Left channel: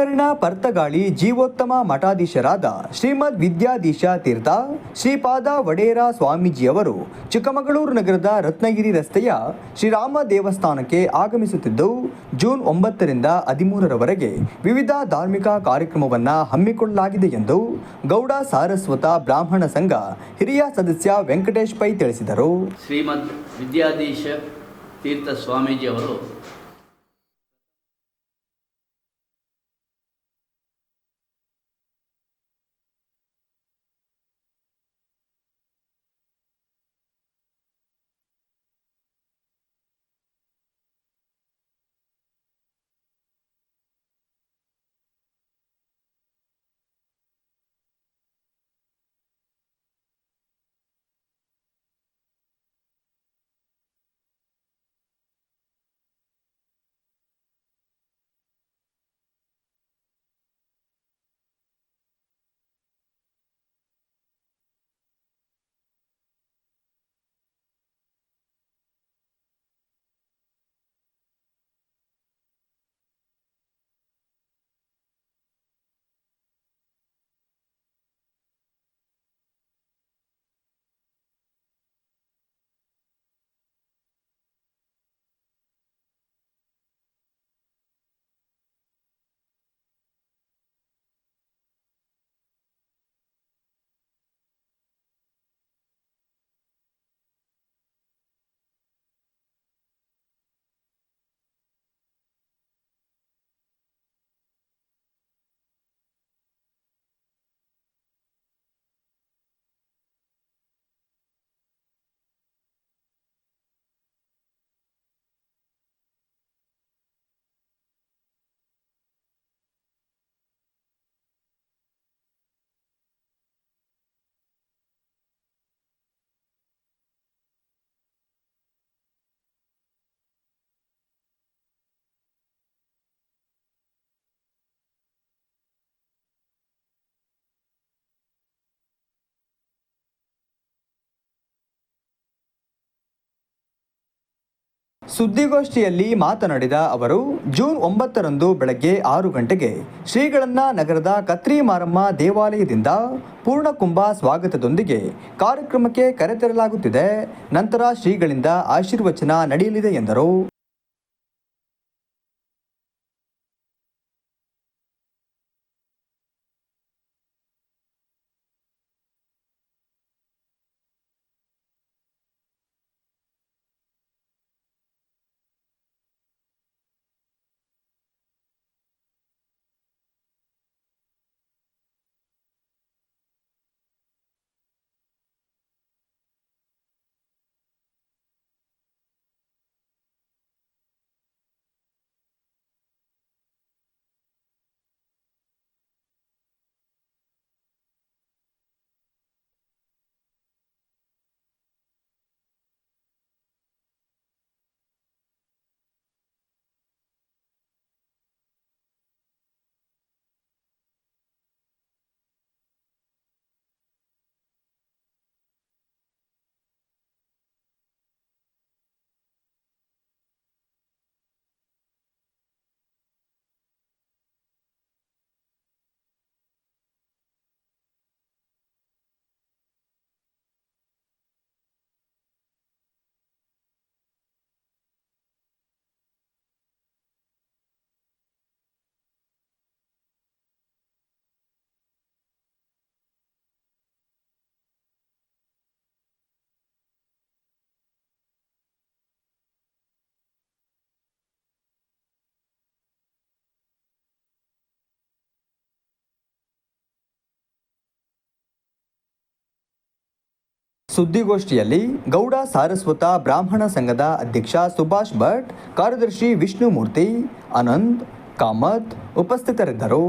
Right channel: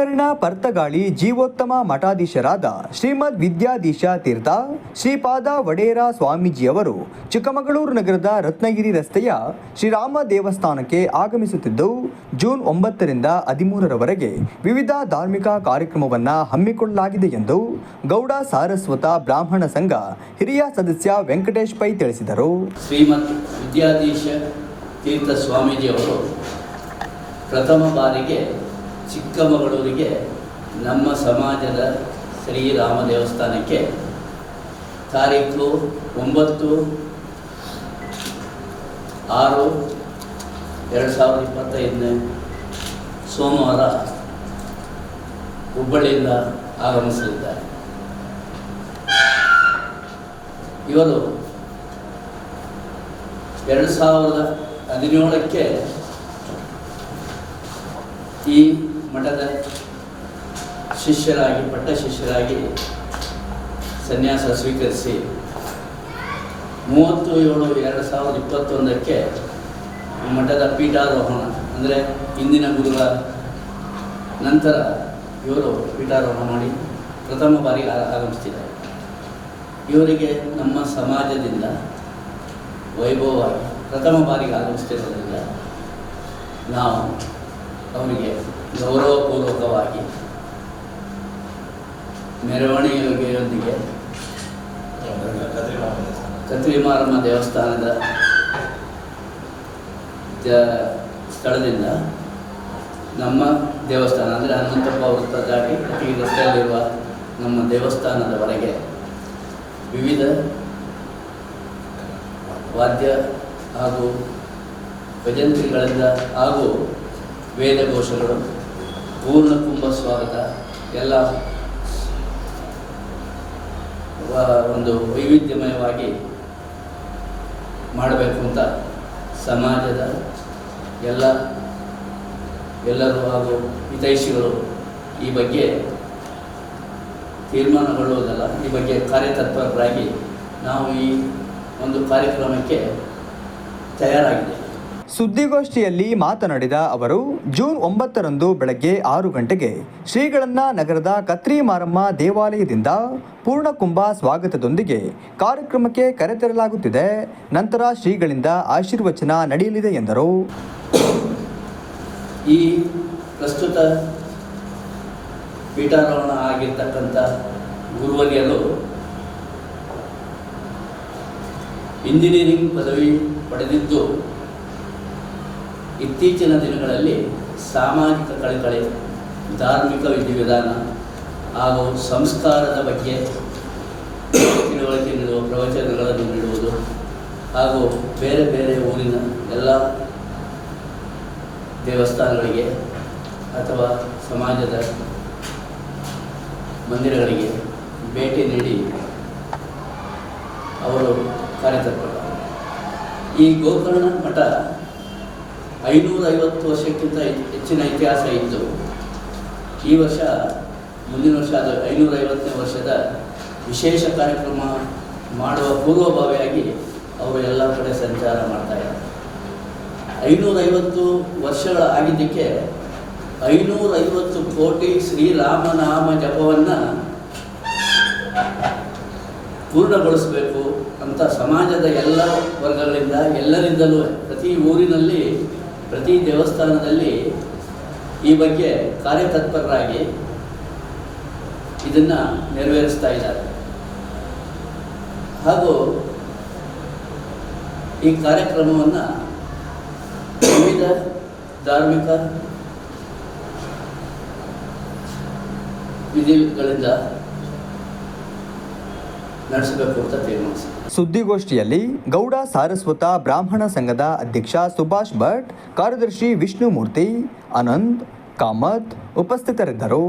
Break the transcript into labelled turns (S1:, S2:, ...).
S1: ಗೋಕರ್ಣ ಪರ್ತಗಾಳಿ ಜೀವೋತ್ತಮ ಮಠಾಧೀಶರಾದ ಶ್ರೀಮದ್ ವಿದ್ಯಾಧೀಶ ತೀರ್ಥ ಶ್ರೀಪಾದ ವಡೇರ ಸ್ವಾಮೀಜಿಯವರು ಚಿಕ್ಕಮಗಳೂರು ನಗರದ ರತ್ನಗಿರಿ ರಸ್ತೆಯ ಶ್ರೀರಾಮ ದೇವಸ್ಥಾನಕ್ಕೆ ಆಗಮಿಸುತ್ತಿದ್ದು, ಜೂನ್ ಒಂಬತ್ತರಿಂದ ಹದಿಮೂರರವರೆಗೆ ವಿವಿಧ ಧಾರ್ಮಿಕ ಕಾರ್ಯಕ್ರಮವನ್ನು ಹಮ್ಮಿಕೊಳ್ಳಲಾಗಿದೆ ಎಂದು ಗೌಡ ಸಾರಸ್ವತ ಬ್ರಾಹ್ಮಣ ಸಂಘ ಹಿರಿಯ ಸದಸ್ಯ ವೆಂಕಟೇಶ್ ಪೈ ತಿಳಿಸಿದರು.
S2: ಶ್ರೀಮದ್ ವಿದ್ಯಾಧೀಶ ತೀರ್ಥ ಸ್ವಾಮೀಜಿಯವರು ಪ್ರಥಮ ಬಾರಿಗೆ ಚಿಕ್ಕಮಗಳೂರಿಗೆ ನಮ್ಮ ಸಮಾಜದ ಶ್ರೀರಾಮ ದೇವಸ್ಥಾನಕ್ಕೆ ತಾರೀಕು ಒಂಬತ್ತು ಆರು ಎರಡು ಸಾವಿರದ ಇಪ್ಪತ್ತೈದನೇ ಸೋಮವಾರ ಹುಬ್ಬಳ್ಳಿಯಿಂದ ಆಗಮಿಸಲಿದ್ದಾರೆ. ಇವರು ಎರಡು ಸಾವಿರದ ಹದಿನೇಳಕ್ಕೆ ಈ ಮಠದ ಶಿಷ್ಯರಾಗಿ, ಪಟ್ಟ ಶಿಷ್ಯರಾಗಿ ಸನ್ಯಾಸ ಸ್ವೀಕರಿಸಿ ಮೂವತ್ತು ಏಳು ಎರಡು ಸಾವಿರದ ಇಪ್ಪತ್ತೊಂದಕ್ಕೆ ಮಠದ ಪೀಠಾರೋಹಣ, ಅಂದರೆ ಇಂದಿನ ಗುರುಗಳ ನಂತರ ಇವರು ಪೀಠಾರೋಹಣ ಮಾಡಿ ಪ್ರಥಮ ಬಾರಿಗೆ ಆ- ಆಗಮಿಸ್ತಿದ್ದಾರೆ. ಇವರಿಗೆ ನಮ್ಮ ಸಮಾಜದಿಂದ ವೈಭವವಾಗಿ ಪ್ರಥಮ ಬಾರಿಗೆ ಆಗಮಿಸ್ತಿರೋದ್ರಿಂದ ನಾವು ಅವರಿಗೆ ಗೌರವಪೂರ್ವಕವಾಗಿ ಮೆರವಣಿಗೆಯೊಂದಿಗೆ ಕತ್ರಿಮಾರಮ್ಮ ದೇವಸ್ಥಾನದ ದ- ಸ್ಥಳದಿಂದ ನಮ್ಮ ದೇವಸ್ಥಾನ, ಅಂದರೆ ಹನುಮಂತಪ್ಪ ವೃತ್ತ ದಾಟಿ ಪ್ರತಿ ರಸ್ತೆಯಲ್ಲಿರುವ ನಮ್ಮ ದೇವಸ್ಥಾನದವರೆಗೆ ವಿವಿಧ ವಾದ್ಯ ಹಾಗೂ ಭಜಂತ್ರಿಗಳಿಂದ ಹಾಗೂ ವೇದಘೋಷಗಳು ಪೂರ್ಣ ಕುಂಭ ಸ್ವಾಗತ. ಎಲ್ಲ ಒಂದು ವೈವಿಧ್ಯಮಯವಾಗಿ ಮಾಡಬೇಕು ಅಂತ ಸಮಾಜದ ಎಲ್ಲ ಎಲ್ಲರೂ ಹಾಗೂ ಹಿತೈಷಿಗಳು ಈ ಬಗ್ಗೆ ತೀರ್ಮಾನಗೊಳ್ಳುವುದಲ್ಲ, ಈ ಬಗ್ಗೆ ಕಾರ್ಯತತ್ಪರರಾಗಿ ನಾವು ಈ ಒಂದು ಕಾರ್ಯಕ್ರಮಕ್ಕೆ ತಯಾರಾಗಿದೆ.
S1: ಸುದ್ದಿಗೋಷ್ಠಿಯಲ್ಲಿ ಮಾತನಾಡಿದ ಅವರು, ಜೂನ್ ಒಂಬತ್ತರಂದು ಬೆಳಗ್ಗೆ ಆರು ಗಂಟೆಗೆ ಶ್ರೀಗಳನ್ನ ನಗರದ ಕತ್ರಿ ಮಾರಮ್ಮ ದೇವಾಲಯದಿಂದ ಪೂರ್ಣಕುಂಭ ಸ್ವಾಗತದೊಂದಿಗೆ ಕಾರ್ಯಕ್ರಮಕ್ಕೆ ಕರೆತರಲಾಗುತ್ತಿದೆ. ನಂತರ ಶ್ರೀಗಳಿಂದ ಆಶೀರ್ವಚನ ನಡೆಯಲಿದೆ ಎಂದರು.
S2: ಈ ಪ್ರಸ್ತುತ ಪೀಠಾರೋಹಣ ಆಗಿರ್ತಕ್ಕಂಥ ಗುರುವರಿಯರು ಇಂಜಿನಿಯರಿಂಗ್ ಪದವಿ ಪಡೆದಿದ್ದು ಇತ್ತೀಚಿನ ದಿನಗಳಲ್ಲಿ ಸಾಮಾಜಿಕ ಕಳಕಳಿ, ಧಾರ್ಮಿಕ ವಿಧಿವಿಧಾನ ಹಾಗೂ ಸಂಸ್ಕಾರದ ಬಗ್ಗೆ ತಿಳುವಳಿಕೆ ನೀಡುವ ಪ್ರವಚನಗಳನ್ನು ನೀಡುವುದು ಹಾಗೂ ಬೇರೆ ಬೇರೆ ಊರಿನ ಎಲ್ಲ ದೇವಸ್ಥಾನಗಳಿಗೆ ಅಥವಾ ಸಮಾಜದ ಮಂದಿರಗಳಿಗೆ ಭೇಟಿ ನೀಡಿ ಅವರು ಕಾರ್ಯಕರ್ತರು ಈ ಗೋಕರ್ಣ ಮಠ ಐನೂರ ಐವತ್ತು ವರ್ಷಕ್ಕಿಂತ ಹೆಚ್ಚಿನ ಇತಿಹಾಸ ಇತ್ತು ಈ ವರ್ಷ ಮುಂದಿನ ವರ್ಷ ಅದು ಐನೂರ ಐವತ್ತನೇ ವರ್ಷದ ವಿಶೇಷ ಕಾರ್ಯಕ್ರಮ ಮಾಡುವ ಪೂರ್ವಭಾವಿಯಾಗಿ ಅವರು ಎಲ್ಲ ಕಡೆ ಸಂಚಾರ ಮಾಡ್ತಾ ಇದ್ದಾರೆ. ಐನೂರೈವತ್ತು ವರ್ಷಗಳ ಆಗಿದ್ದಕ್ಕೆ ಐನೂರೈವತ್ತು ಕೋಟಿ ಶ್ರೀರಾಮನಾಮ ಜಪವನ್ನು ಪೂರ್ಣಗೊಳಿಸಬೇಕು ಅಂತ ಸಮಾಜದ ಎಲ್ಲ ವರ್ಗಗಳಿಂದ ಎಲ್ಲರಿಂದಲೂ ಪ್ರತಿ ಊರಿನಲ್ಲಿ ಪ್ರತಿ ದೇವಸ್ಥಾನದಲ್ಲಿ ಈ ಬಗ್ಗೆ ಕಾರ್ಯತತ್ಪರರಾಗಿ ಇದನ್ನು ನೆರವೇರಿಸ್ತಾ ಇದ್ದಾರೆ. ಹಾಗೂ ಈ ಕಾರ್ಯಕ್ರಮವನ್ನು ವಿವಿಧ ಧಾರ್ಮಿಕ ವಿಧಿಗಳಿಂದ
S1: ಸುದ್ದಿಗೋಷ್ಠಿಯಲ್ಲಿ ಗೌಡ ಸಾರಸ್ವತ ಬ್ರಾಹ್ಮಣ ಸಂಘದ ಅಧ್ಯಕ್ಷ ಸುಭಾಷ್ ಭಟ್ ಕಾರ್ಯದರ್ಶಿ ವಿಷ್ಣುಮೂರ್ತಿ ಅನಂತ್ ಕಾಮತ್ ಉಪಸ್ಥಿತರಿದ್ದರು.